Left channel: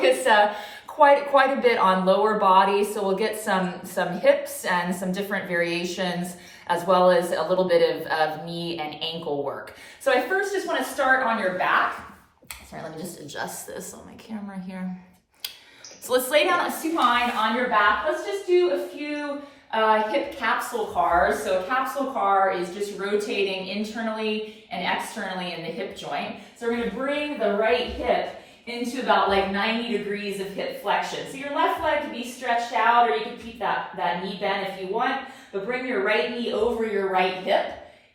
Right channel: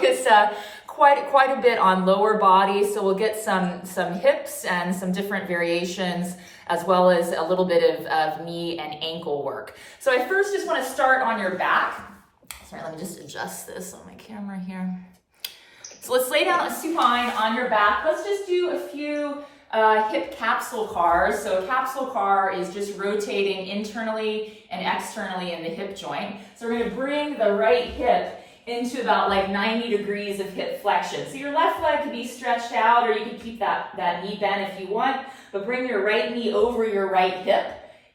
focus quite a bit on lower body. So we'll get some hips and some different variations, as well as a little bit of knee and ankle work. So I first just want to start on your back. Sorry, let me just adjust this on my camera here. So let's lay down a supine on your back. Let's just do a few hip capsule cars. So a capsule car is just rotating internally and externally in the hip joint. So we're going to bring the right hip into about like 90 degrees of hip flexion. So your left leg can be stretched out, or you can keep that knee bent if you want, but bring your right knee over your right hip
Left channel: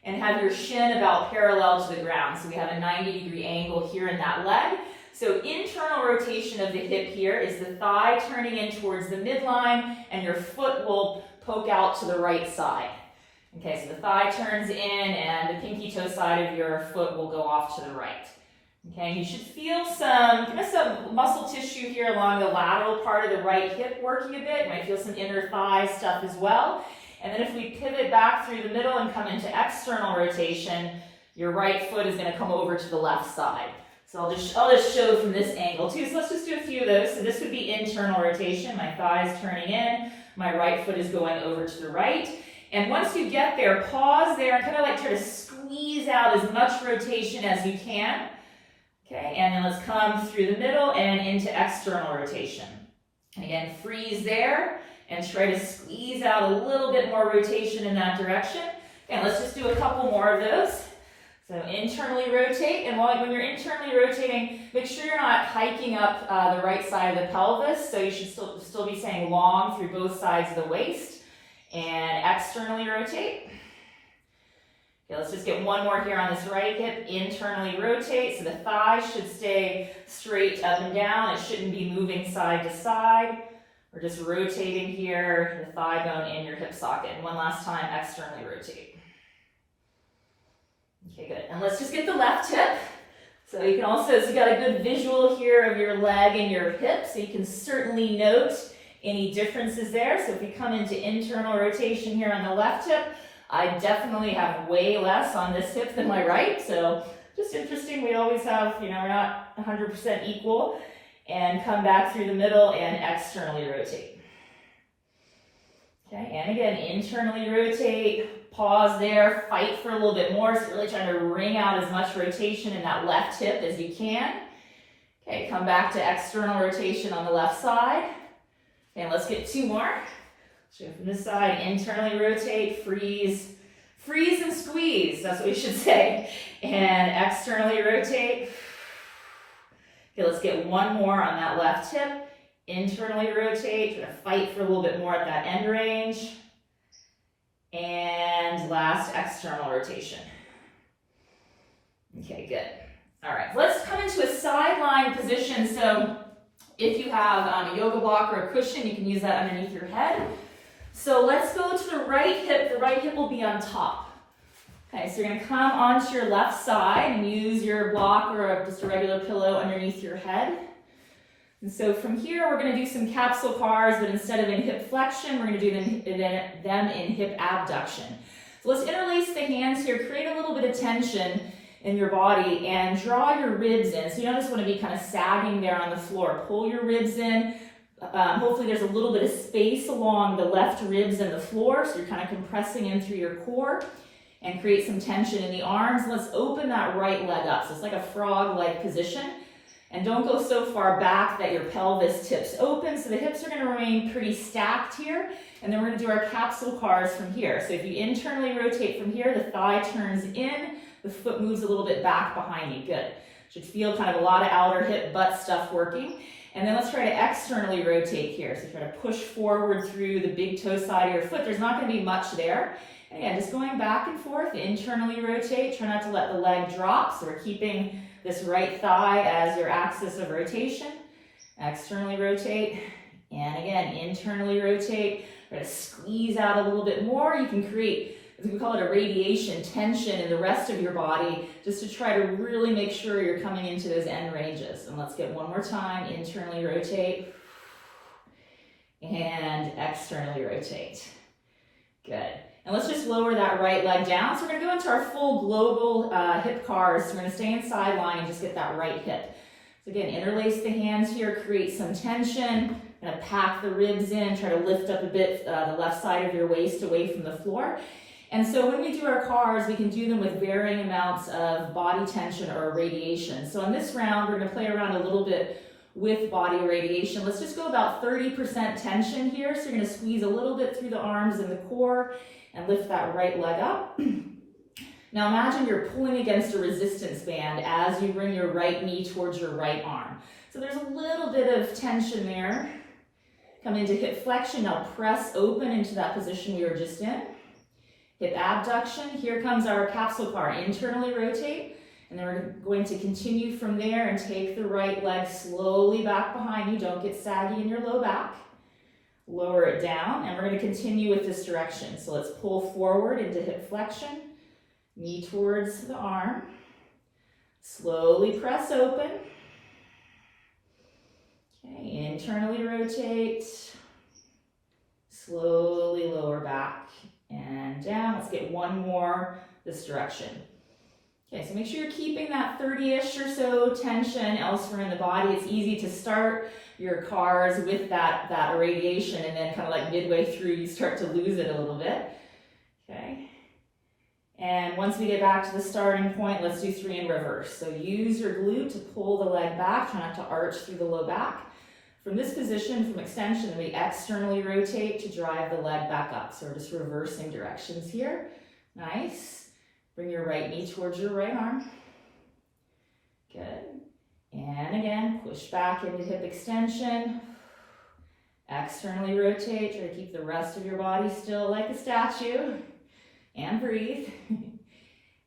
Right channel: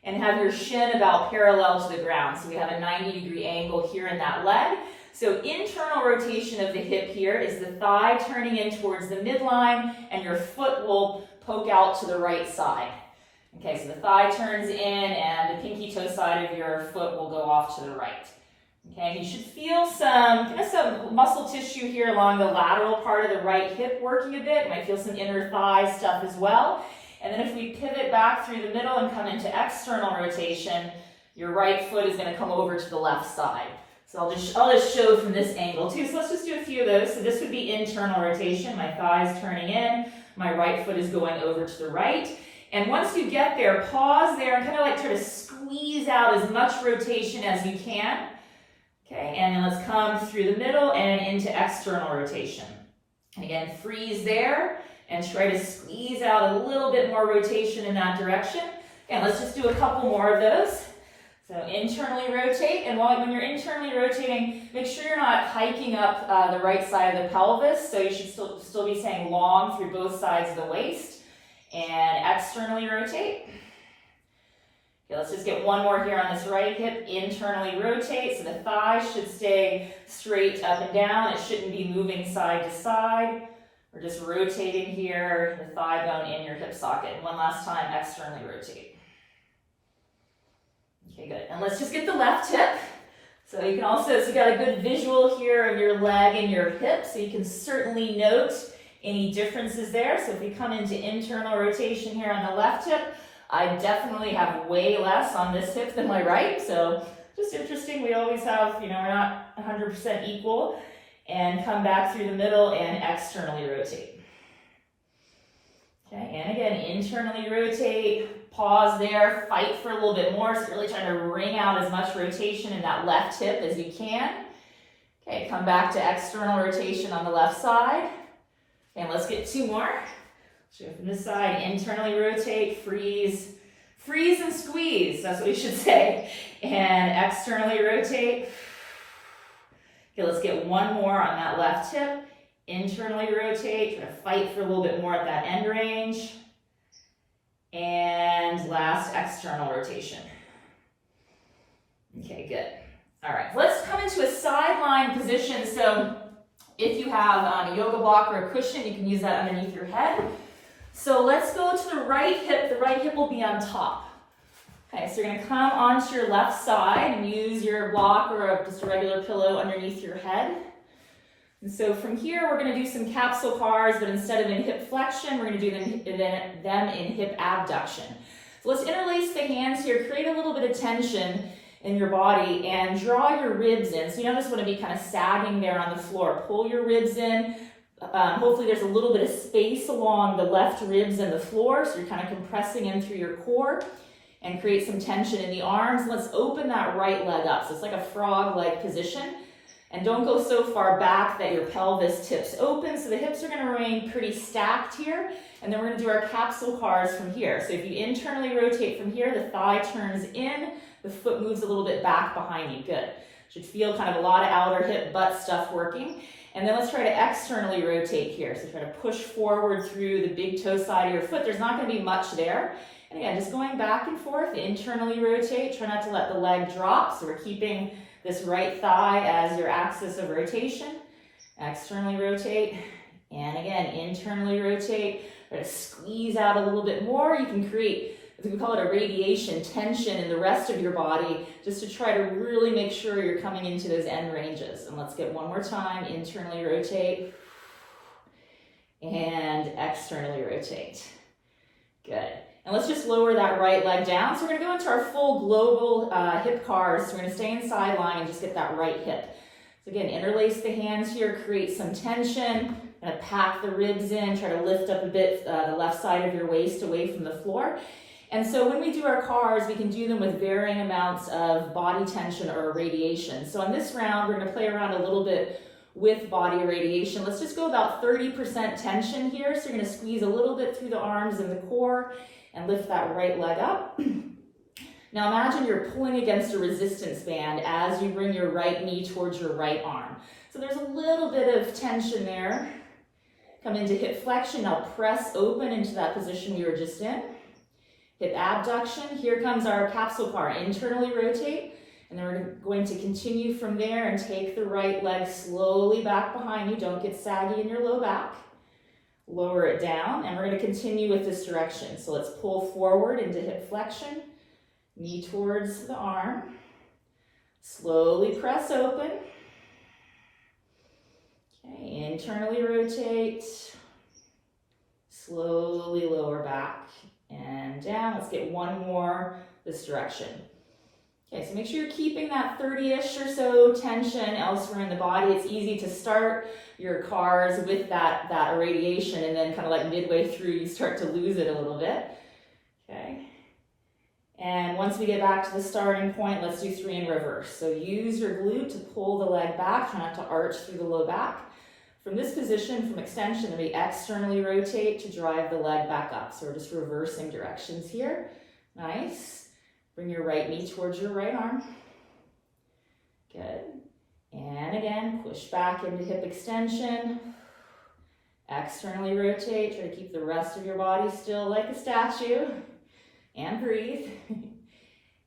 and have your shin about parallel to the ground. So we have a 90-degree angle here in that leg. So internal rotation of the hip here is the thigh turning in towards the midline, and your foot will poke out to the right side. Okay, so the thigh turns in and the pinky toe side of your foot will go off to the right. Okay, you should feel some muscle tissue here along the lateral part of the right hip working a bit. You might feel some inner thigh stuff as well. And then if we pivot back through the middle and come into external rotation, your right foot is going to come over to the left side. So I'll just show from this angle too. So let's just do a few of those. So this would be internal rotation. My thigh is turning in. My right foot is going over to the right. And once you get there, pause there and kind of like try to squeeze out as much rotation as you can. Okay, and then let's come through the middle and into external rotation. And again, freeze there and try to squeeze out a little bit more rotation in that direction. And let's just do a couple more of those. So internally rotate, and when you're internally rotating, make sure you're not hiking up the right side of the pelvis. So you should still be staying long through both sides of the waist. And externally rotate. Okay, let's just get one more here on this right hip. Internally rotate, so the thigh should stay straight up and down. It shouldn't be moving side to side. We're just rotating here, the thigh bone in your hip socket. And one last time, externally rotate. Okay, good. And let's just get the left hip. So you can also, so you got a good visual here of your leg and your hip, so you can certainly note any differences there. So if we come into internal rotation here on the left hip, I definitely have way less on this hip than my right. So just interesting, we always have, we're not 100% equal. And come back through the middle and externally rotate. Okay, and again, internally rotate, pause there, fight for a little bit more. So really trying to wring out as much rotation in that left hip as you can. Okay, come back to external rotation on the left side. And let's get two more. So from this side, internally rotate, freeze and squeeze, that's what we should say. And externally rotate. Okay, let's get one more on that left hip. Internally rotate, try to fight for a little bit more at that end range. And last, external rotation. Okay, good. All right, let's come into a sideline position. So if you have a yoga block or a cushion, you can use that underneath your head. So let's go to the right hip. The right hip will be on top. Okay, so you're going to come onto your left side and use your block or just a regular pillow underneath your head. And so from here, we're going to do some capsule cars, but instead of in hip flexion, we're going to do them in hip abduction. So let's interlace the hands here, create a little bit of tension in your body, and draw your ribs in. So you don't just want to be kind of sagging there on the floor. Pull your ribs in. Hopefully there's a little bit of space along the left ribs and the floor, so you're kind of compressing in through your core, and create some tension in the arms. Let's open that right leg up. So it's like a frog-like position. And don't go so far back that your pelvis tips open. So the hips are going to remain pretty stacked here. And then we're going to do our capsule cars from here. So if you internally rotate from here, the thigh turns in, the foot moves a little bit back behind you. Good. Should feel kind of a lot of outer hip butt stuff working. And then let's try to externally rotate here. So try to push forward through the big toe side of your foot. There's not going to be much there. And again, just going back and forth, internally rotate. Try not to let the leg drop. So we're keeping this right thigh as your axis of rotation. Externally rotate. And again, internally rotate. Try to squeeze out a little bit more. You can create, we call it irradiation, tension in the rest of your body, just to try to really make sure you're coming into those end ranges. And let's get one more time. Internally rotate. And externally rotate. Good. And let's just lower that right leg down. So we're going to go into our full global hip cars. So we're going to stay in side line and just get that right hip. So again, interlace the hands here, create some tension, kind of pack the ribs in, try to lift up a bit the left side of your waist away from the floor. And so when we do our cars, we can do them with varying amounts of body tension or irradiation. So on this round, we're going to play around a little bit with body irradiation. Let's just go about 30% tension here. So you're going to squeeze a little bit through the arms and the core and lift that right leg up. Now imagine you're pulling against a resistance band as you bring your right knee towards your right arm. So there's a little bit of tension there. Come into hip flexion. Now press open into that position we were just in. Hip abduction. Here comes our capsule car. Internally rotate. And then we're going to continue from there and take the right leg slowly back behind you. Don't get saggy in your low back. Lower it down. And we're going to continue with this direction. So let's pull forward into hip flexion. Knee towards the arm. Slowly press open. Okay, internally rotate. Slowly lower back and down. Let's get one more this direction. Okay, so make sure you're keeping that 30-ish or so tension elsewhere in the body. It's easy to start your cars with that irradiation, and then kind of like midway through you start to lose it a little bit. Okay. And once we get back to the starting point, let's do 3 in reverse. So use your glute to pull the leg back. Try not to arch through the low back. From this position, from extension, we externally rotate to drive the leg back up. So we're just reversing directions here. Nice. Bring your right knee towards your right arm. Good. And again, push back into hip extension. Externally rotate. Try to keep the rest of your body still like a statue. And breathe.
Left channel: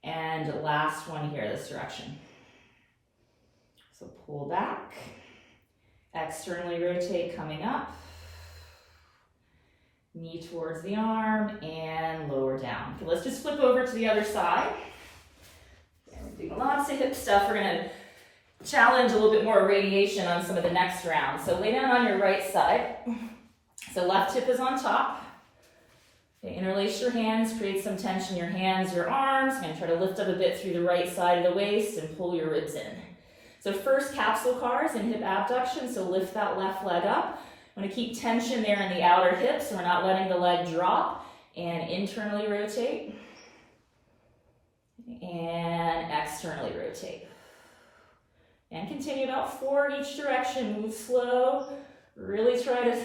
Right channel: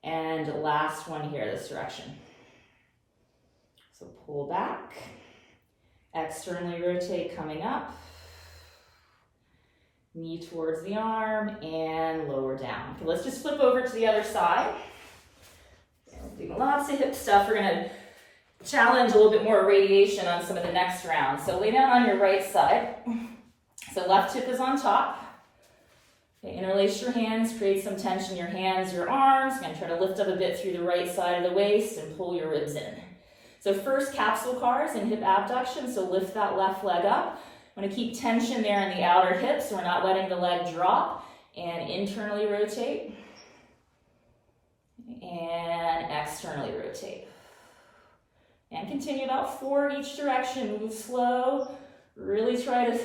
And last one here, this direction. So pull back. Externally rotate, coming up. Knee towards the arm and lower down. Okay, let's just flip over to the other side. We're doing lots of hip stuff. We're going to challenge a little bit more radiation on some of the next rounds. So lay down on your right side. So left hip is on top. Okay, interlace your hands, create some tension in your hands, your arms. You're going to try to lift up a bit through the right side of the waist and pull your ribs in. So first, capsule cars and hip abduction. So lift that left leg up. I'm going to keep tension there in the outer hips so we're not letting the leg drop. And internally rotate. And externally rotate. And continue about 4 in each direction. Move slow. Really try to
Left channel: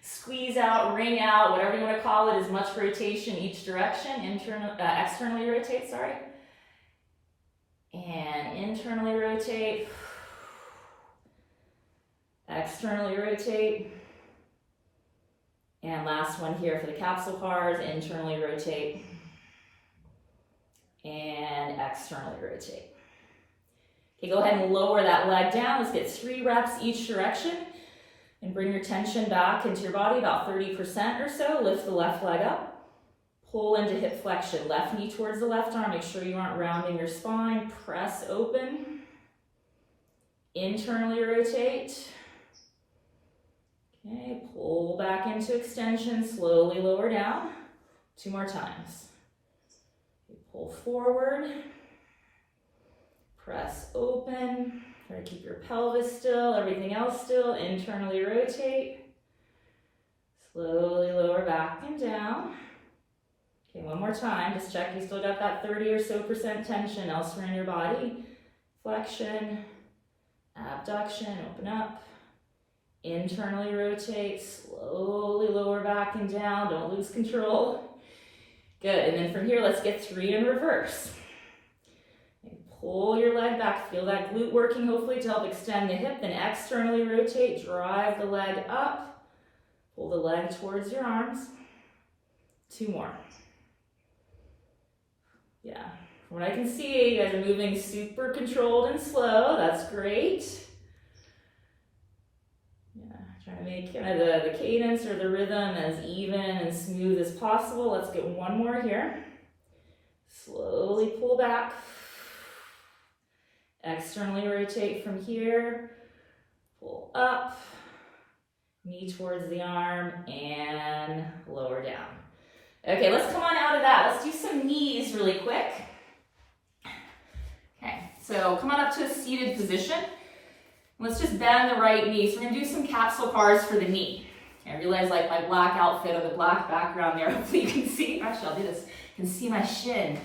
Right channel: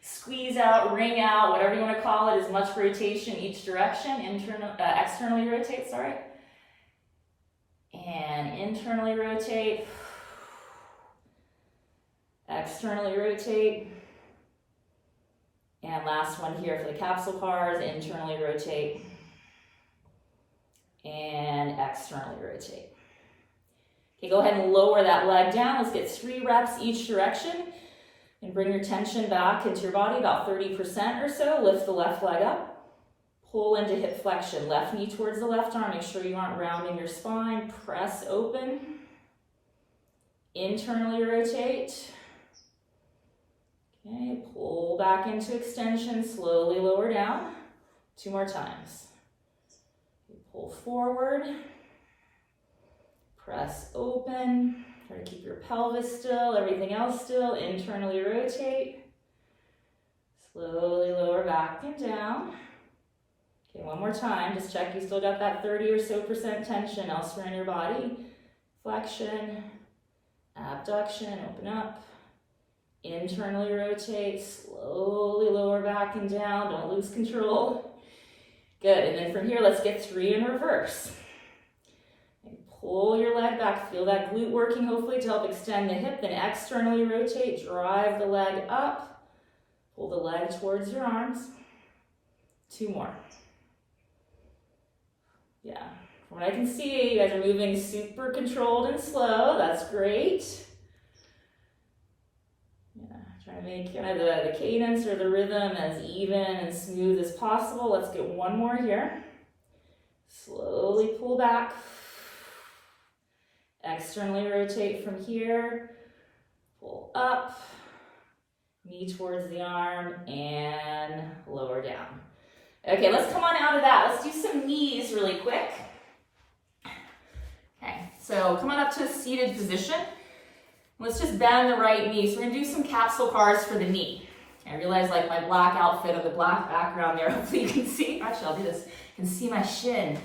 squeeze out, wring out, whatever you want to call it, as much rotation each direction. Externally rotate, sorry. And internally rotate. Externally rotate. And last one here for the capsule cars, internally rotate. And externally rotate. Okay, go ahead and lower that leg down. Let's get 3 reps each direction. And bring your tension back into your body, about 30% or so. Lift the left leg up. Pull into hip flexion. Left knee towards the left arm. Make sure you aren't rounding your spine. Press open. Internally rotate. Okay, pull back into extension. Slowly lower down. 2 more times. Pull forward. Press open. Try to keep your pelvis still, everything else still. Internally rotate. Slowly lower back and down. Okay, one more time. Just check you still got that 30 or so % tension elsewhere in your body. Flexion, abduction, open up. Internally rotate. Slowly lower back and down. Don't lose control. Good. And then from here, let's get 3 in reverse. Pull your leg back, feel that glute working hopefully to help extend the hip, then externally rotate, drive the leg up, pull the leg towards your arms. 2 more. Yeah, from what I can see, you guys are moving super controlled and slow, that's great. Yeah, trying to make kind of the cadence or the rhythm as even and smooth as possible. Let's get 1 more here. Slowly pull back. Externally rotate from here, pull up, knee towards the arm, and lower down. Okay, let's come on out of that. Let's do some knees really quick. Okay, so come on up to a seated position. Let's just bend the right knee. So we're gonna do some capsule cars for the knee. I realize like my black outfit or the black background there, hopefully you can see. Actually, I'll do this. You can see my shin.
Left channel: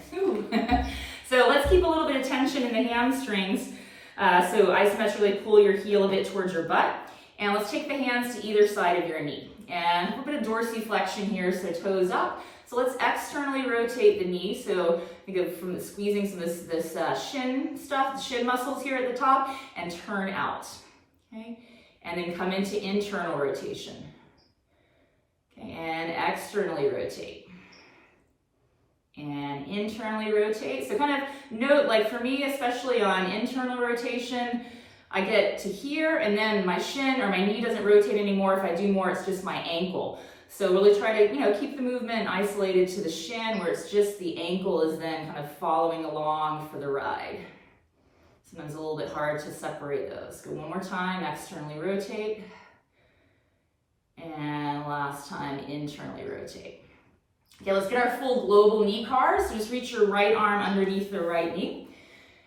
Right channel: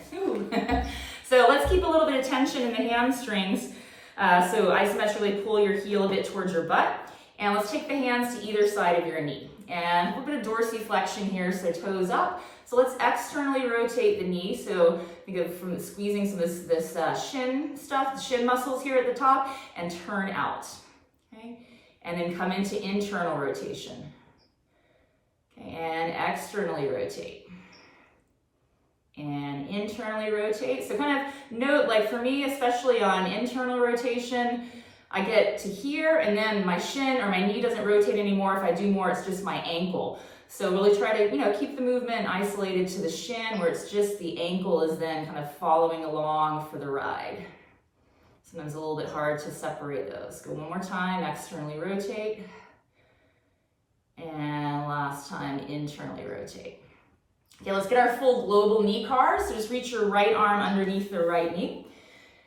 So let's keep a little bit of tension in the hamstrings. So isometrically pull your heel a bit towards your butt. And let's take the hands to either side of your knee. And a little bit of dorsiflexion here, so toes up. So let's externally rotate the knee. So think of from squeezing some of this shin stuff, the shin muscles here at the top, and turn out. Okay, and then come into internal rotation. Okay, and externally rotate. And internally rotate. So kind of note, like for me, especially on internal rotation, I get to here and then my shin or my knee doesn't rotate anymore. If I do more, it's just my ankle. So really try to, keep the movement isolated to the shin where it's just the ankle is then kind of following along for the ride. Sometimes a little bit hard to separate those. Go one more time, externally rotate. And last time, internally rotate. Okay, let's get our full global knee cars. So just reach your right arm underneath the right knee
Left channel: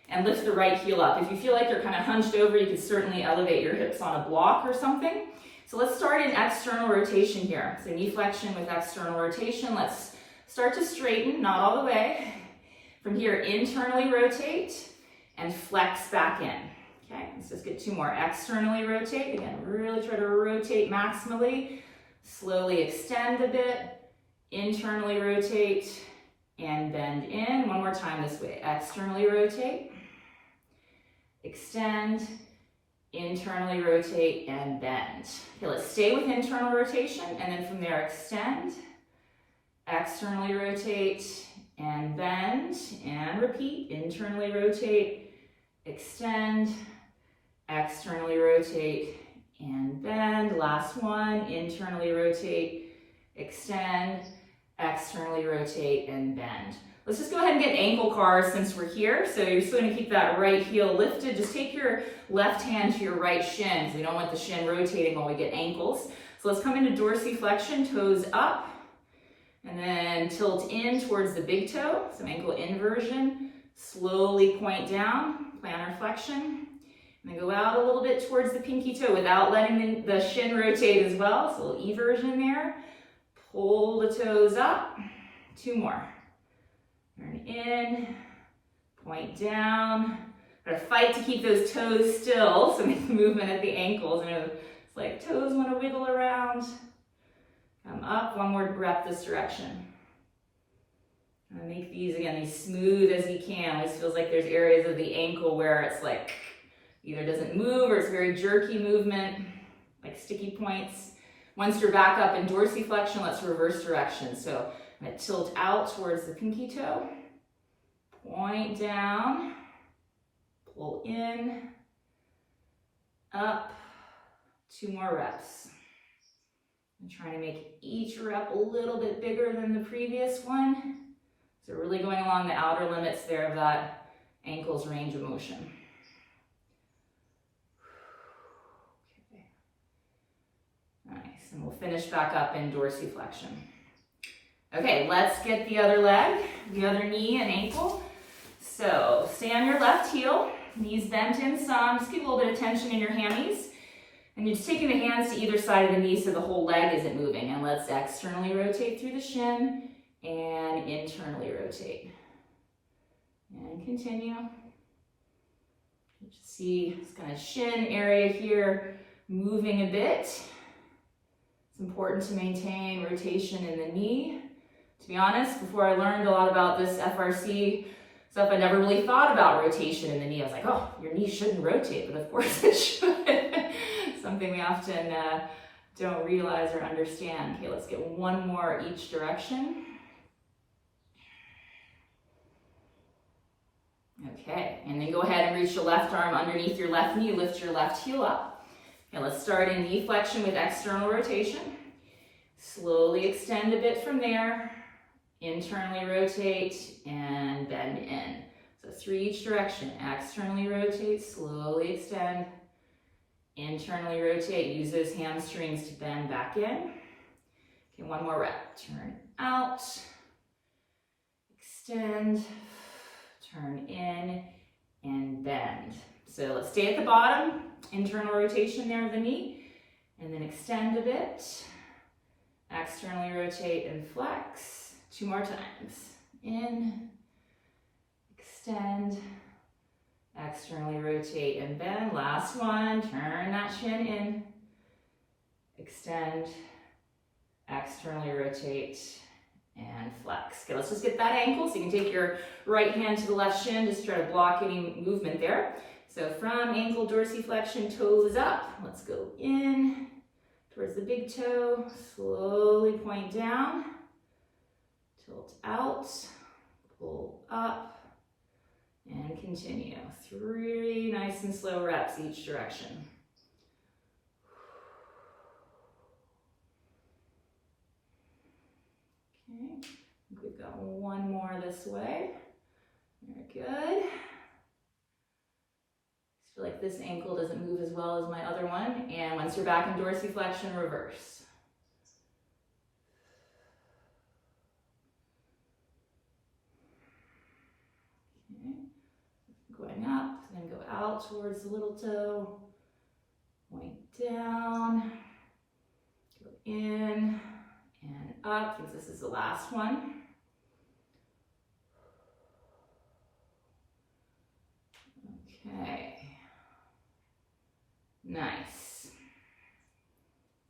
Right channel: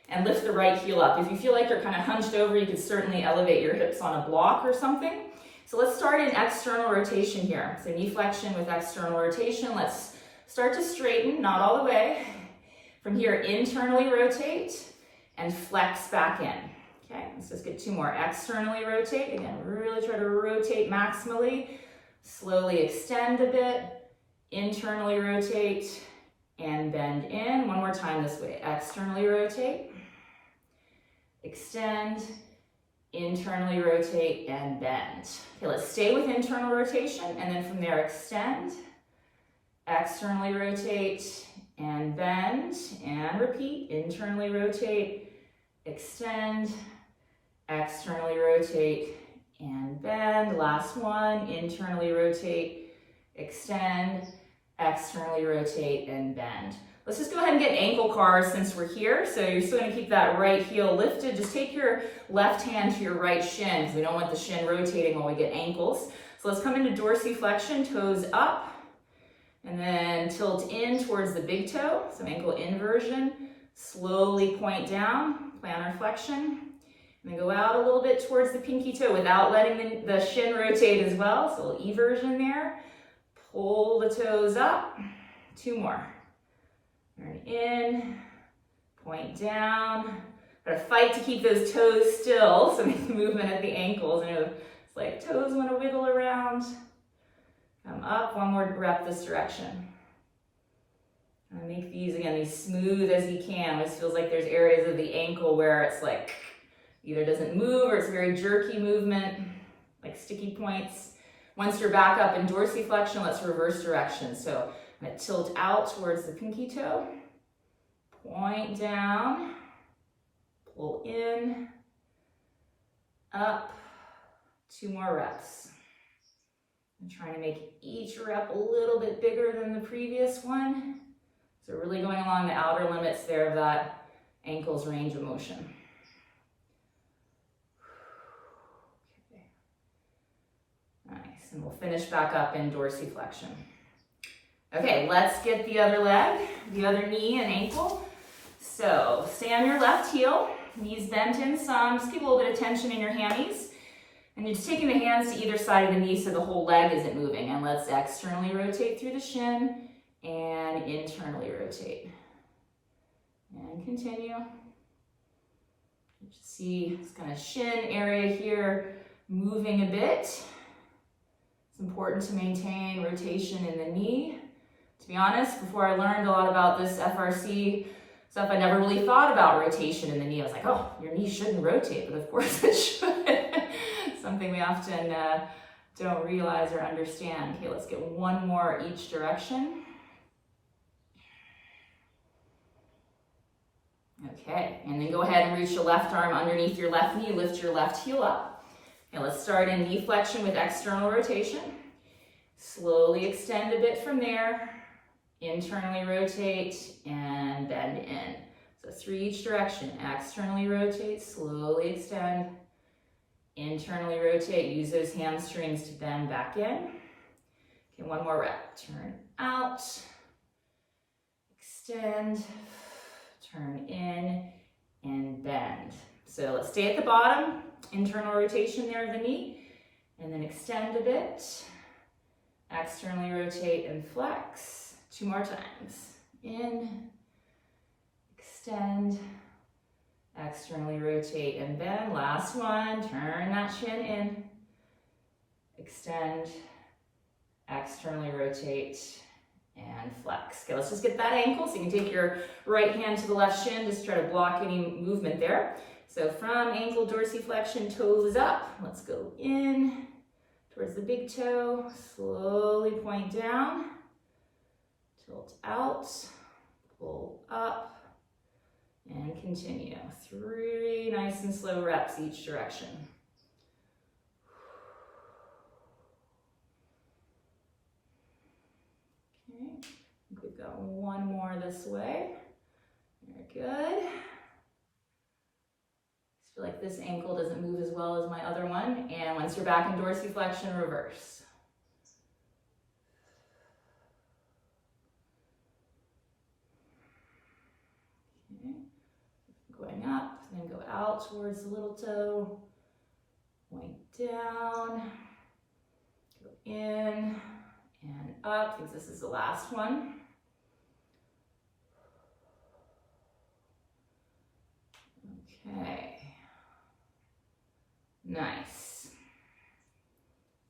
and lift the right heel up. If you feel like you're kind of hunched over, you can certainly elevate your hips on a block or something. So let's start in external rotation here. So knee flexion with external rotation. Let's start to straighten, not all the way. From here, internally rotate and flex back in. Okay, let's just get two more. Externally rotate. Again, really try to rotate maximally. Slowly extend a bit. Internally rotate and bend in. One more time this way. Externally rotate, extend, internally rotate, and bend. Okay, let's stay with internal rotation, and then from there extend, externally rotate, and bend, and repeat. Internally rotate, extend, externally rotate, and bend. Last one, internally rotate, extend, externally rotate, and bend. Let's just go ahead and get ankle cars since we're here. So you're still gonna keep that right heel lifted. Just take your left hand to your right shin because we don't want the shin rotating while we get ankles. So let's come into dorsiflexion, toes up, and then tilt in towards the big toe. So ankle inversion, slowly point down, plantar flexion, and then go out a little bit towards the pinky toe without letting the shin rotate as well. So a little eversion there. Pull the toes up, two more. Turn in, point down. Gotta fight to keep those toes still, so make the movement at the ankles. It's like toes wanna wiggle around. Come up, one more rep this direction. And make these, again, as smooth as you can. It feels like there's areas of the ankle where it's like either doesn't move or it's very jerky movement, like sticky points. Once you're back up in dorsiflexion, let's reverse direction. So I'm gonna tilt out towards the pinky toe, point down, pull in, up, two more reps. I'm trying to make each rep a little bit bigger than the previous one. So really going along the outer limits there of that ankle's range of motion. Nice, and we'll finish back up in dorsiflexion. Okay, let's get the other leg, the other knee and ankle. So stay on your left heel, knees bent in some, just keep a little bit of tension in your hammies. And you're just taking the hands to either side of the knee so the whole leg isn't moving. And let's externally rotate through the shin and internally rotate. And continue. You see this kind of shin area here moving a bit. It's important to maintain rotation in the knee. To be honest, before I learned a lot about this FRC stuff, I never really thought about rotation in the knee. I was like, oh, your knee shouldn't rotate, but of course it should. Something we often don't realize or understand. Okay, let's get one more each direction. Okay, and then go ahead and reach your left arm underneath your left knee, lift your left heel up. Okay, let's start in knee flexion with external rotation. Slowly extend a bit from there. Internally rotate and bend in. So three each direction. Externally rotate, slowly extend. Internally rotate, use those hamstrings to bend back in. Okay, one more rep. Turn out, extend, turn in, and bend. So let's stay at the bottom, internal rotation there of the knee, and then extend a bit. Externally rotate and flex. 2 more times. In, extend, externally rotate and bend. Last one, turn that shin in, extend, externally rotate, and flex. Okay, let's just get that ankle. So you can take your right hand to the left shin, just try to block any movement there. So from ankle dorsiflexion, toes up. Let's go in towards the big toe, slowly point down, tilt out, pull up, and continue. 3 nice and slow reps each direction. Okay, we've got one more this way. Very good. I feel like this ankle doesn't move as well as my other one. And once you're back in dorsiflexion, reverse. Okay. Going up, then go out towards the little toe. Point down, go in and up. I think this is the last one. Okay. Nice.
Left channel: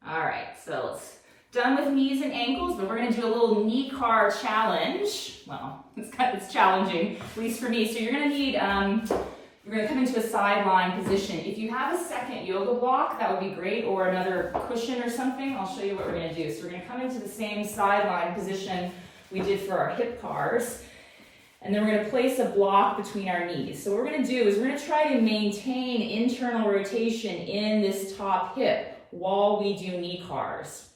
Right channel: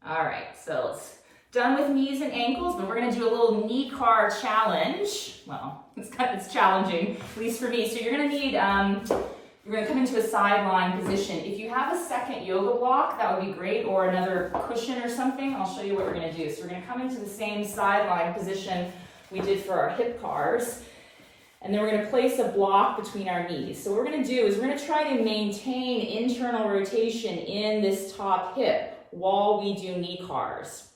All right, so it's done with knees and ankles, but we're gonna do a little knee car challenge. Well, it's challenging, at least for me. So you're gonna need, you're gonna come into a sideline position. If you have a second yoga block, that would be great, or another cushion or something. I'll show you what we're gonna do. So we're gonna come into the same sideline position we did for our hip cars. And then we're going to place a block between our knees. So what we're going to do is we're going to try to maintain internal rotation in this top hip while we do knee cars.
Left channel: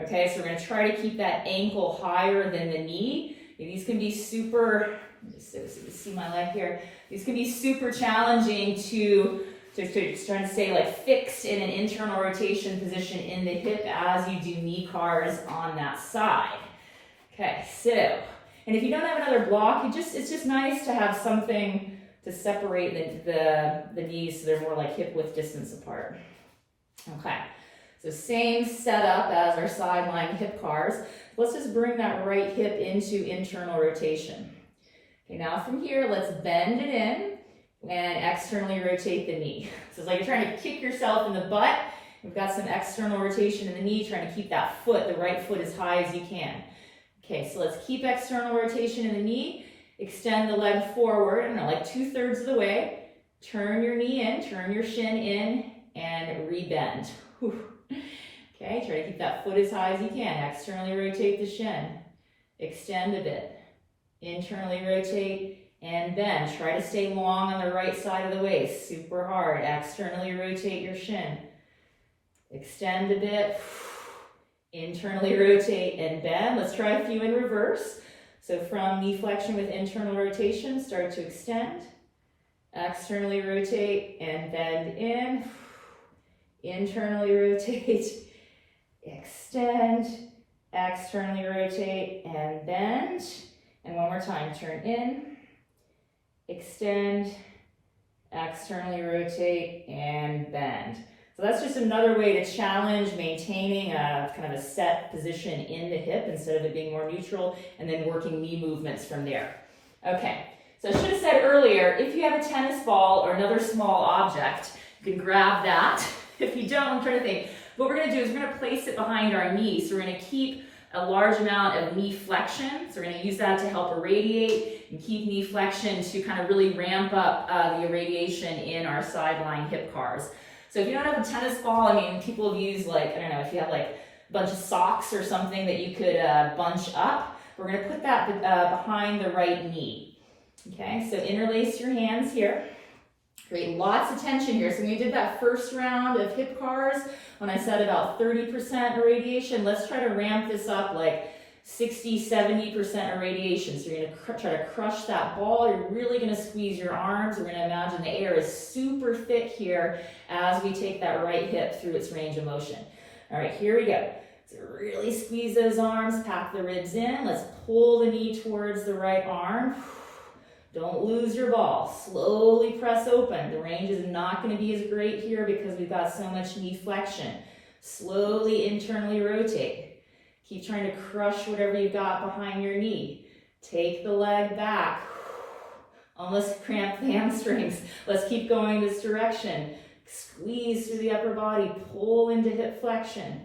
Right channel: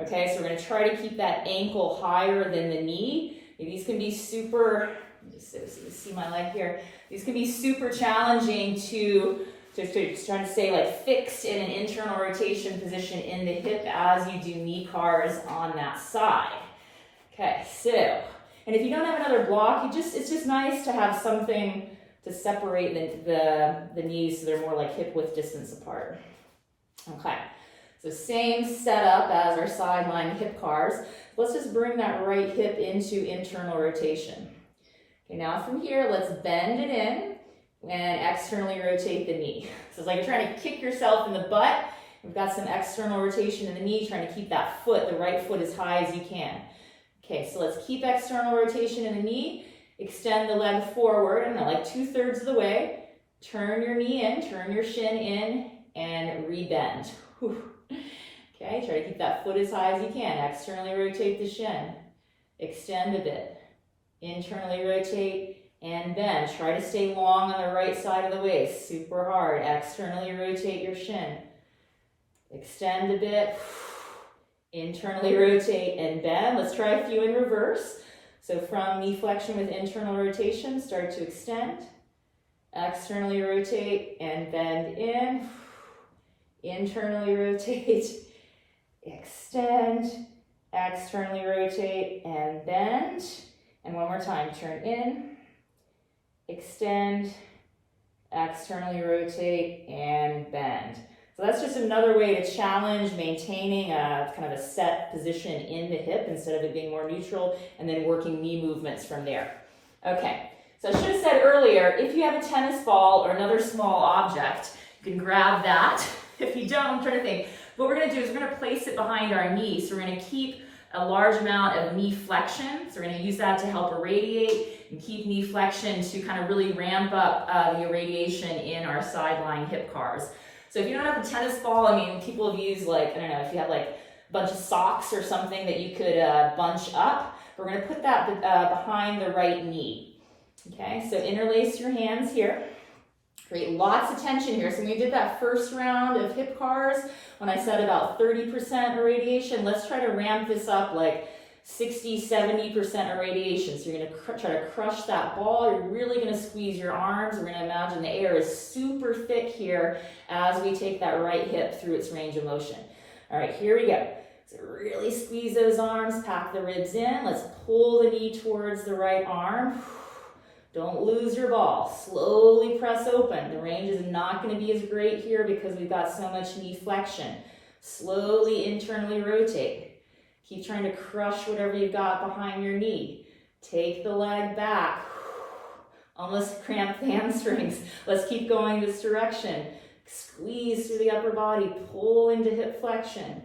Okay, so we're going to try to keep that ankle higher than the knee. These can be super, just so you see my leg here, these can be super challenging to try to stay like fixed in an internal rotation position in the hip as you do knee cars on that side. Okay, so. And if you don't have another block, it's just nice to have something to separate the knees so they're more like hip width distance apart. Okay, so same setup as our sideline hip cars. Let's just bring that right hip into internal rotation. Okay, now from here, let's bend it in and externally rotate the knee. So it's like you're trying to kick yourself in the butt. We've got some external rotation in the knee, trying to keep that foot, the right foot, as high as you can. Okay, so let's keep external rotation in the knee, extend the leg forward, I don't know, like 2/3 of the way, turn your knee in, turn your shin in, and rebend. Whew. Okay, try to keep that foot as high as you can, externally rotate the shin, extend a bit, internally rotate, and bend. Try to stay long on the right side of the waist, super hard, externally rotate your shin, extend a bit, internally rotate and bend. Let's try a few in reverse. So from knee flexion with internal rotation, start to extend, externally rotate and bend in, internally rotate, extend, externally rotate and bend. And one more time, turn in, extend, externally rotate and bend. So that's just another way to challenge maintaining a kind of a set position in the hip instead of it being more neutral, and then working knee movements from there. Okay, so I should have said earlier, if you have a tennis ball or another small object, you can grab that. If you don't, I'm trying to think. What we're going to do is we're going to place it behind our knee. So we're going to keep a large amount of knee flexion. So we're going to use that to help irradiate and keep knee flexion to kind of really ramp up the irradiation in our sideline hip cars. So if you don't have a tennis ball, I mean, people have used like, I don't know, if you have like a bunch of socks or something that you could bunch up, we're going to put that behind the right knee. Okay, so interlace your hands here. Create lots of tension here. So when we did that first round of hip cars, when I said about 30% irradiation, let's try to ramp this up like 60-70% irradiation. So you're going to try to crush that ball. You're really going to squeeze your arms. We're going to imagine the air is super thick here as we take that right hip through its range of motion. All right, here we go. So really squeeze those arms, pack the ribs in. Let's pull the knee towards the right arm. Don't lose your ball. Slowly press open. The range is not going to be as great here because we've got so much knee flexion. Slowly internally rotate. Keep trying to crush whatever you've got behind your knee. Take the leg back. Almost cramp the hamstrings. Let's keep going this direction. Squeeze through the upper body. Pull into hip flexion.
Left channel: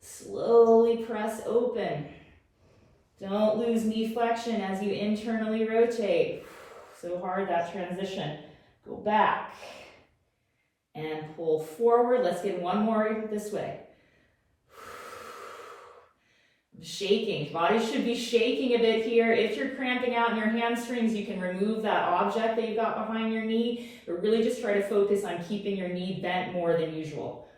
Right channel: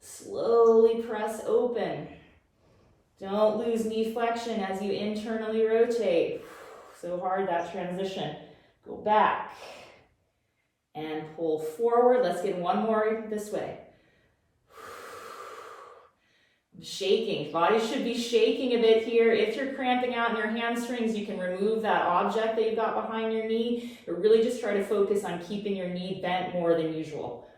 Slowly press open. Don't lose knee flexion as you internally rotate. So hard, that transition. Go back and pull forward. Let's get one more this way. Shaking. Body should be shaking a bit here. If you're cramping out in your hamstrings, you can remove that object that you've got behind your knee, or really just try to focus on keeping your knee bent more than usual.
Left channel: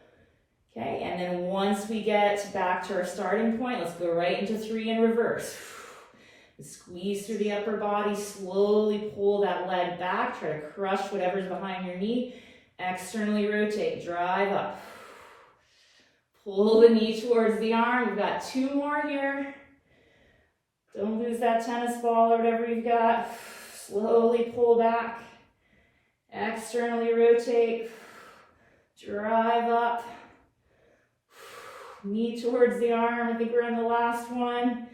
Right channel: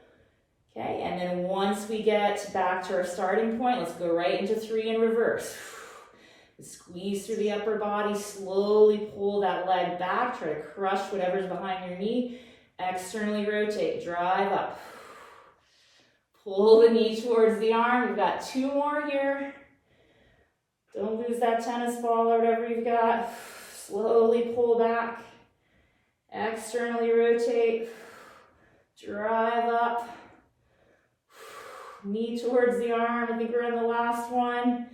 Okay, and then once we get back to our starting point, let's go right into 3 in reverse. Squeeze through the upper body, slowly pull that leg back, try to crush whatever's behind your knee. Externally rotate, drive up. Pull the knee towards the arm. We've got 2 more here. Don't lose that tennis ball or whatever you've got. Slowly pull back. Externally rotate. Drive up. Knee towards the arm. I think we're on the last one.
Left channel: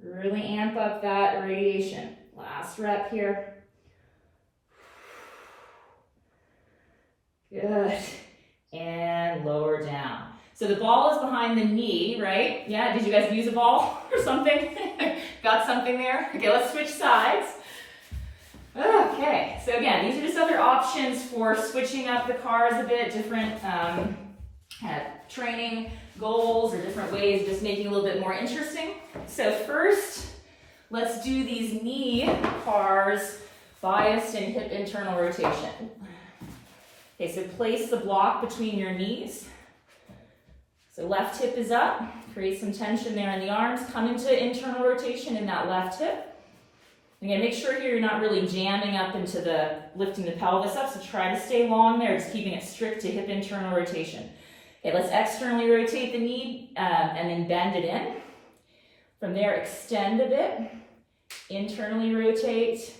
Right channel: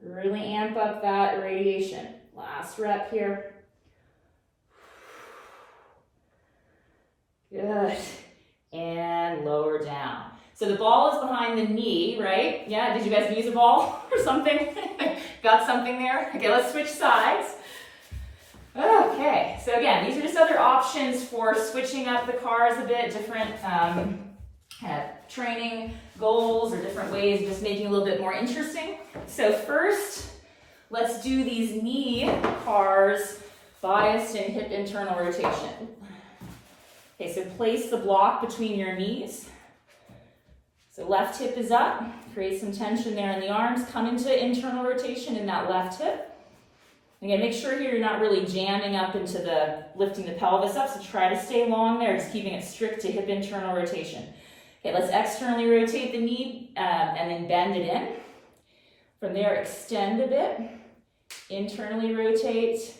Really amp up that irradiation. Last rep here. Good. And lower down. So the ball is behind the knee, right? Yeah, did you guys use a ball or something? Got something there? Okay, let's switch sides. Okay, so again, these are just other options for switching up the cars a bit, different training goals or different ways of just making it a little bit more interesting. So first, let's do these knee cars biased in hip internal rotation. Okay, so place the block between your knees. So left hip is up, create some tension there in the arms, come into internal rotation in that left hip. Again, make sure here you're not really jamming up into lifting the pelvis up, so try to stay long there, just keeping it strict to hip internal rotation. Okay, let's externally rotate the knee and then bend it in. From there, extend a bit, internally rotate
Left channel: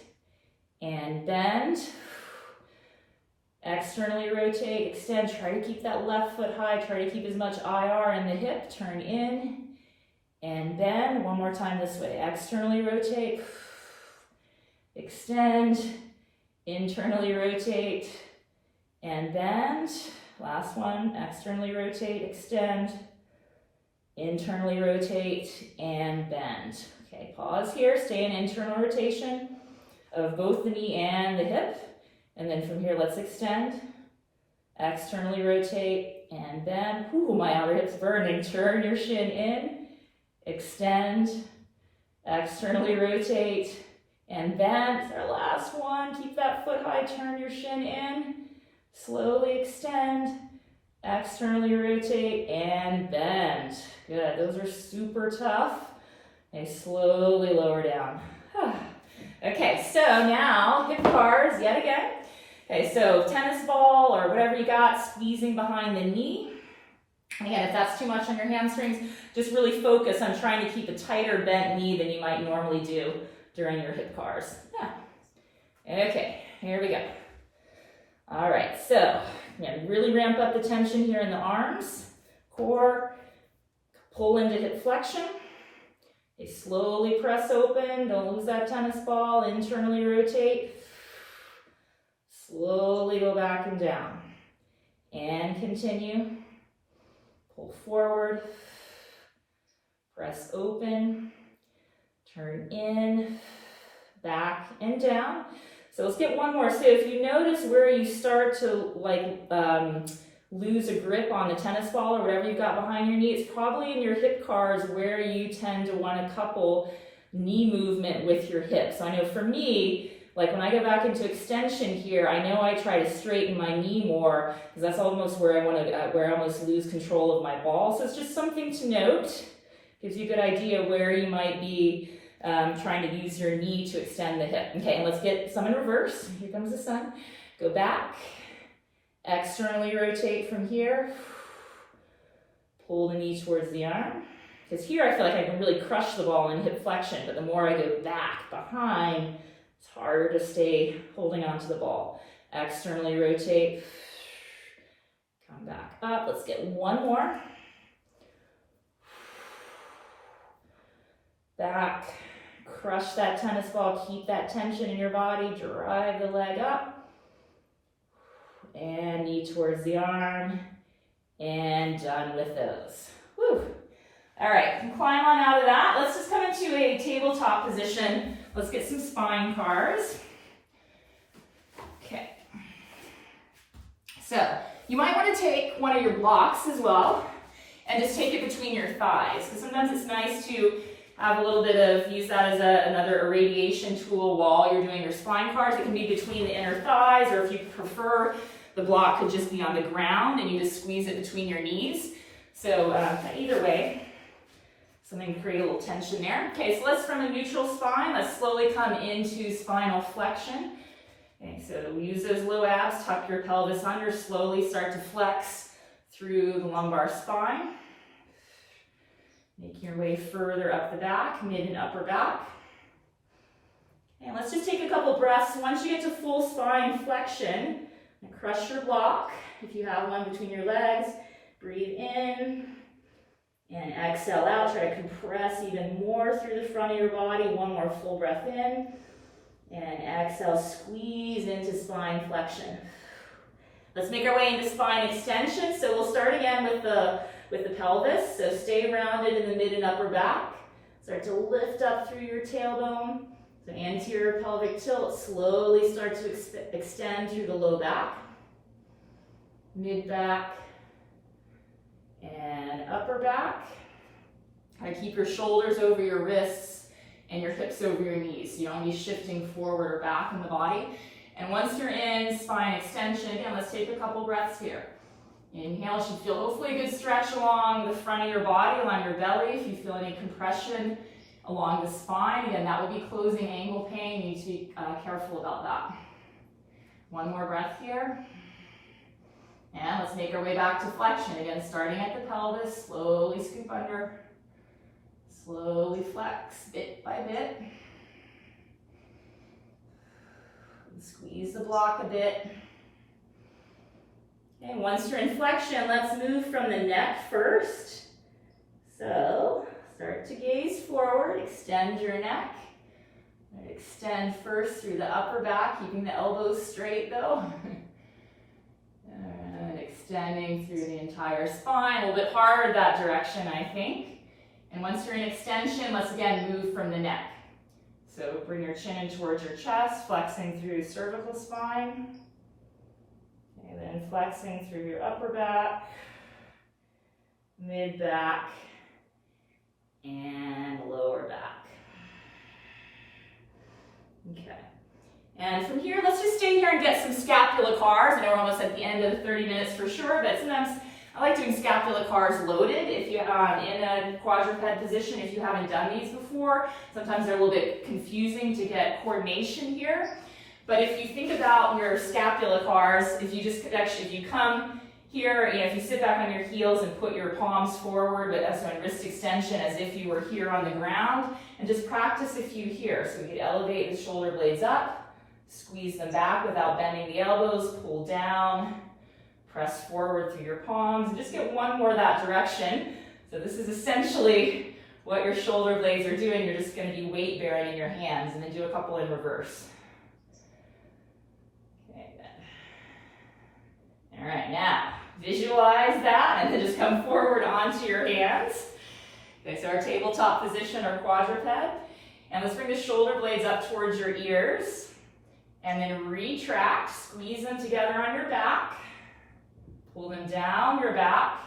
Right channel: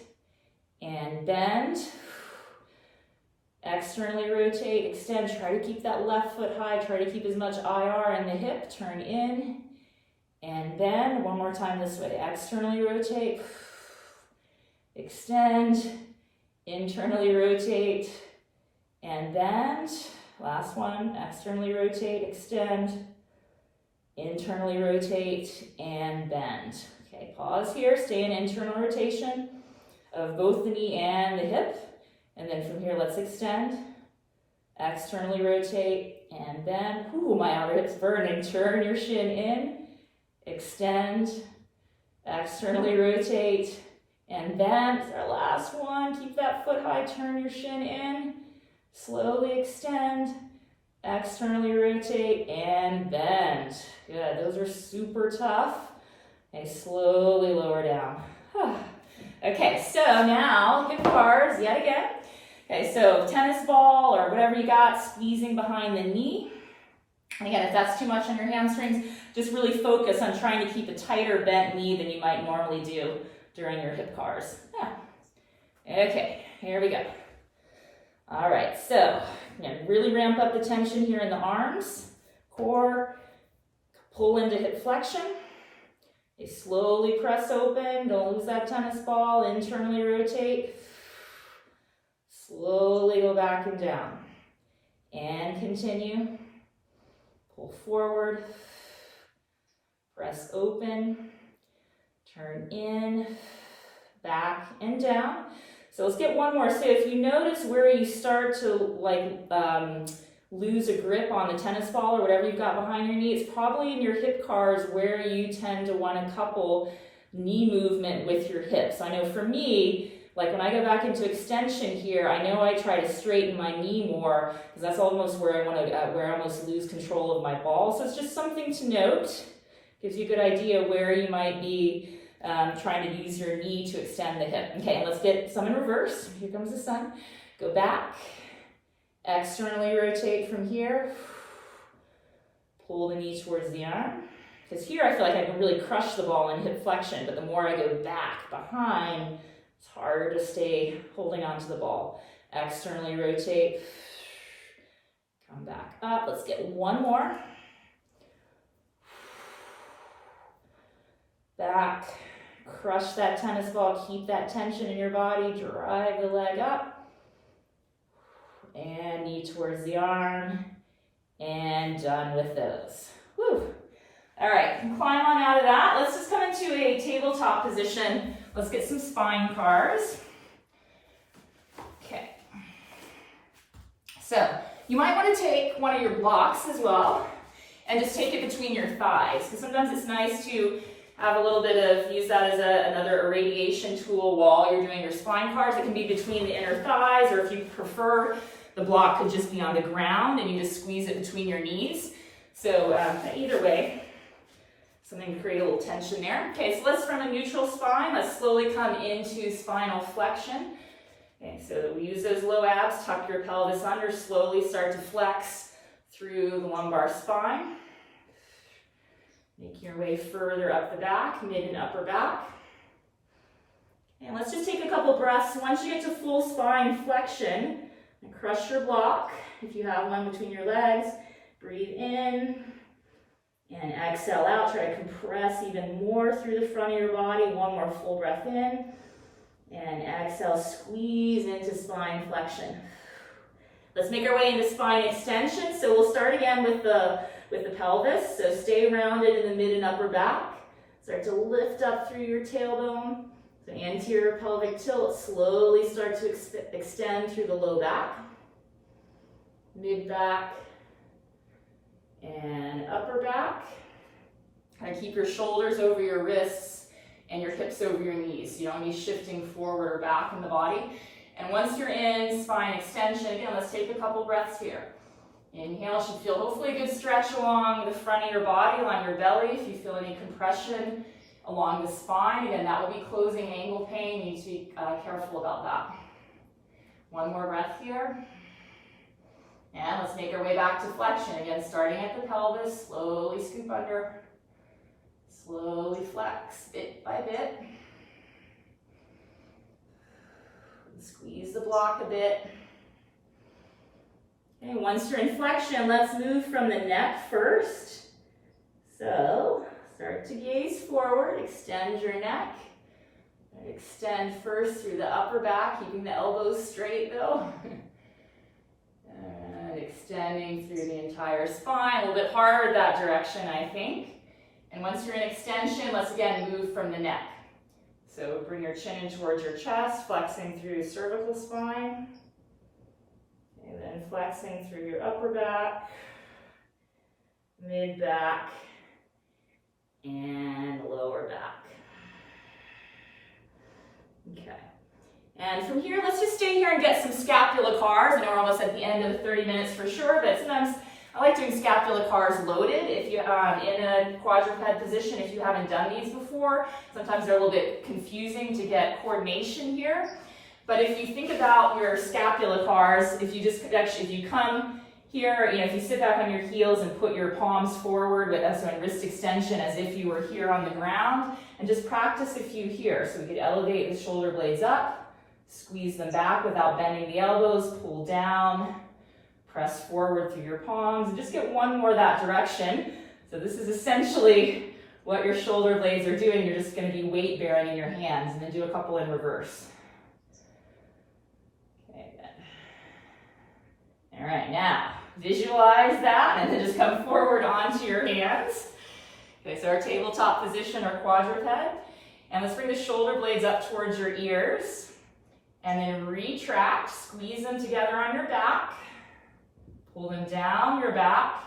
and bend. Externally rotate, extend, try to keep that left foot high, try to keep as much IR in the hip, turn in and bend. One more time this way, externally rotate, extend, internally rotate and bend. Last one, externally rotate, extend, internally rotate and bend. Okay, pause here, stay in internal rotation of both the knee and the hip. And then from here, let's extend, externally rotate and bend. Ooh, my outer hip's burning. Turn your shin in, extend, externally rotate and bend. It's our last one. Keep that foot high, turn your shin in, slowly extend, externally rotate and bend. Good, those are super tough. Okay, slowly lower down. Okay, so now hip cars yet again. Okay, so tennis ball or whatever you got, squeezing behind the knee. And again, if that's too much on your hamstrings, just really focus on trying to keep a tighter bent knee than you might normally do during your hip cars. Yeah. Okay, here we go. All right, so again, really ramp up the tension here in the arms, core, pull into hip flexion. Okay, slowly press open, don't lose that tennis ball, internally rotate. Slowly go back and down. And continue. Pull forward. Press open. Turn in. Back and down. So let's get one more. So if you notice where you start to lose a grip on the tennis ball or whatever you've got behind your knee, it's probably in your hip cars where you tend to want to couple knee movement with your hips. I know for me, like when I go back into extension here, I know I try to straighten my knee more because that's almost where I almost lose control of my ball. So it's just something to note. Gives you a good idea where you might be trying to use your knee to extend the hip. Okay, and let's get some in reverse. Here comes the sun. Go back. Externally rotate from here. Pull the knee towards the arm. Because here I feel like I can really crush the ball in hip flexion, but the more I go back, behind, it's harder to stay holding onto the ball. Externally rotate, come back up. Let's get one more. Back, crush that tennis ball, keep that tension in your body, drive the leg up, and knee towards the arm, and done with those. Whew. All right, climb on out of that. Let's just come into a tabletop position. Let's get some spine cars. Okay. So you might want to take one of your blocks as well and just take it between your thighs, because sometimes it's nice to have a little bit of, use that as another irradiation tool while you're doing your spine cars. It can be between the inner thighs, or if you prefer, the block could just be on the ground and you just squeeze it between your knees. So either way, something to create a little tension there. Okay, so let's, from a neutral spine, let's slowly come into spinal flexion. Okay, so we use those low abs, tuck your pelvis under, slowly start to flex through the lumbar spine. Make your way further up the back, mid and upper back. And let's just take a couple breaths. Once you get to full spine flexion, crush your block. If you have one between your legs, breathe in and exhale out. Try to compress even more through the front of your body. One more full breath in and exhale, squeeze into spine flexion. Let's make our way into spine extension. So we'll start again with the pelvis. So stay rounded in the mid and upper back. Start to lift up through your tailbone. So anterior pelvic tilt, slowly start to extend through the low back, mid back, and upper back. Kind of keep your shoulders over your wrists and your hips over your knees. You don't want to be shifting forward or back in the body. And once you're in spine extension, again, let's take a couple breaths here. Inhale, you should feel hopefully a good stretch along the front of your body, along your belly. If you feel any compression along the spine, again, that would be closing angle pain. You need to be careful about that. One more breath here. And let's make our way back to flexion. Again, starting at the pelvis, slowly scoop under. Slowly flex, bit by bit. Squeeze the block a bit. Okay, once you're in flexion, let's move from the neck first. So, start to gaze forward, extend your neck. And extend first through the upper back, keeping the elbows straight though. And extending through the entire spine, a little bit hard that direction, I think. And once you're in extension, let's again move from the neck. So bring your chin in towards your chest, flexing through cervical spine. And then flexing through your upper back, mid back, and lower back. Okay. And from here, let's just stay here and get some scapula cars. I know we're almost at the end of the 30 minutes for sure, but sometimes I like doing scapula cars loaded. If you're in a quadruped position, if you haven't done these before, sometimes they're a little bit confusing to get coordination here. But if you think about your scapula cars, if you come here, if you sit back on your heels and put your palms forward with wrist extension as if you were here on the ground, and just practice a few here. So we could elevate the shoulder blades up, squeeze them back without bending the elbows, pull down, press forward through your palms, and just get one more that direction. So this is essentially what your shoulder blades are doing. You're just going to be weight bearing in your hands, and then do a couple in reverse. Okay, then. All right, now visualize that, and then just come forward onto your hands. Okay, so our tabletop position or quadruped, and let's bring the shoulder blades up towards your ears, and then retract, squeeze them together on your back. Pull them down your back,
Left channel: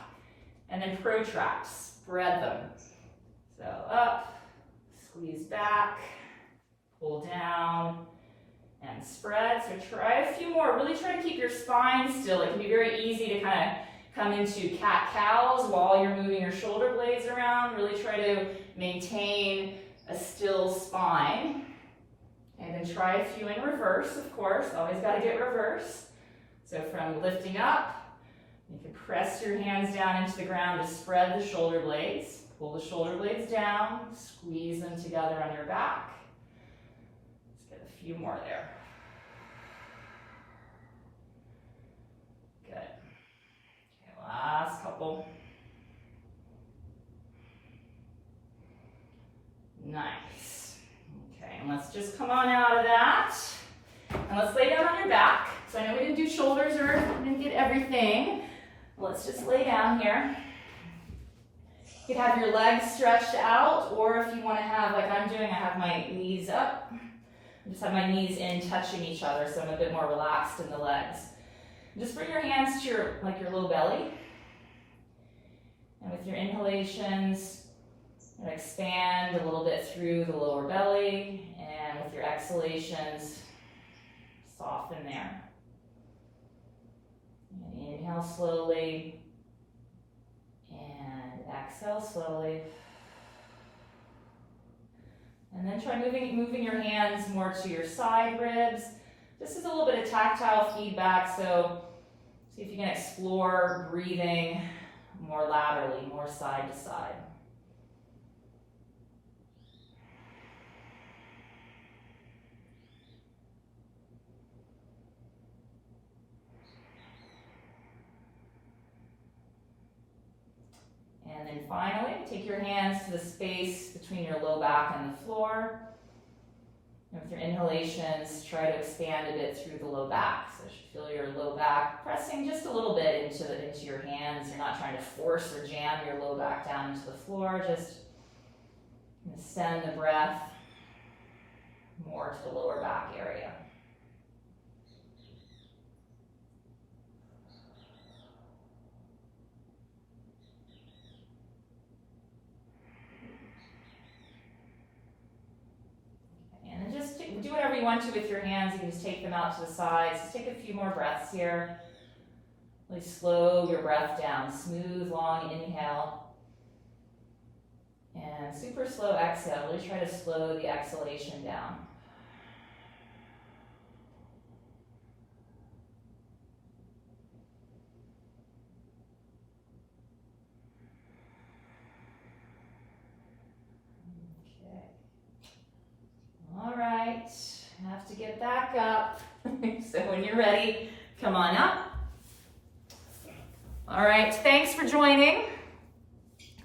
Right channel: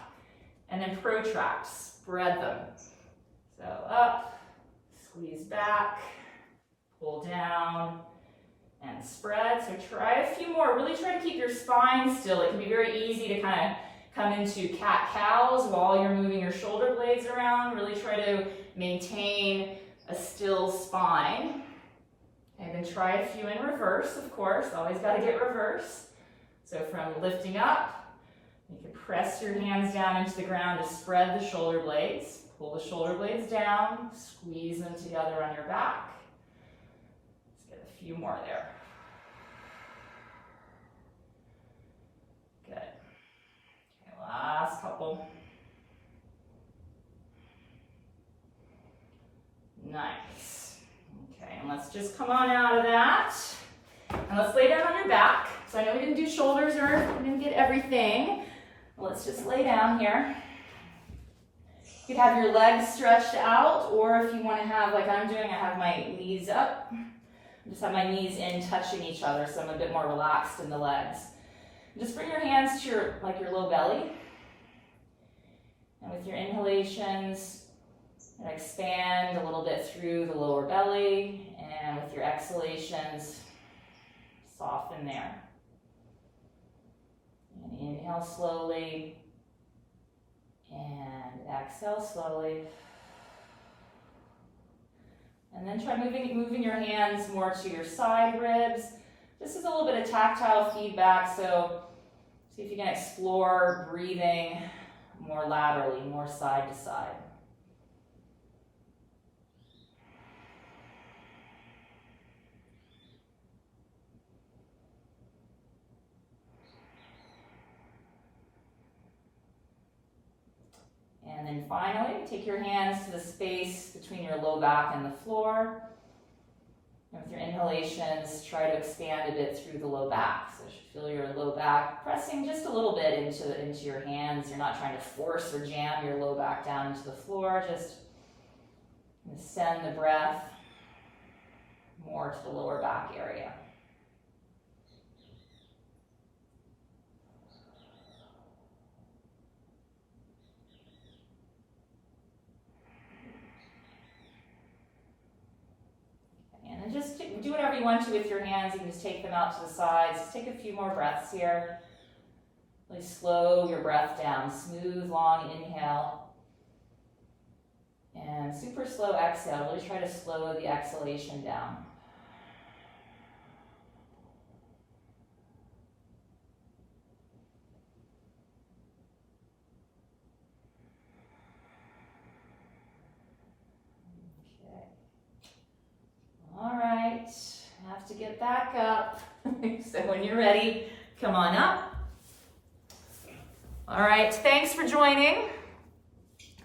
and then protract, spread them. So up, squeeze back, pull down, and spread. So try a few more. Really try to keep your spine still. It can be very easy to kind of come into cat-cows while you're moving your shoulder blades around. Really try to maintain a still spine. And then try a few in reverse, of course. Always got to get reverse. So from lifting up, you can press your hands down into the ground to spread the shoulder blades. Pull the shoulder blades down, squeeze them together on your back. Let's get a few more there. Good. Okay, last couple. Nice. Okay, and let's just come on out of that. And let's lay down on your back. So I know we didn't do shoulders or we didn't get everything. Let's just lay down here. You could have your legs stretched out, or if you want to have, like I'm doing, I have my knees up. I just have my knees in touching each other, so I'm a bit more relaxed in the legs. Just bring your hands to your low belly. And with your inhalations, expand a little bit through the lower belly, and with your exhalations, soften there. And inhale slowly, and exhale slowly. And then try moving your hands more to your side ribs. This is a little bit of tactile feedback, so see if you can explore breathing more laterally, more side to side. And then finally, take your hands to the space between your low back and the floor. And with your inhalations, try to expand a bit through the low back. So you should feel your low back pressing just a little bit into your hands. You're not trying to force or jam your low back down into the floor. Just send the breath more to the lower back area. And just do whatever you want to with your hands. You can just take them out to the sides. Just take a few more breaths here. Really slow your breath down. Smooth, long inhale. And super slow exhale. Really try to slow the exhalation down. All right, have to get back up. So when you're ready, come on up. All right, thanks for joining.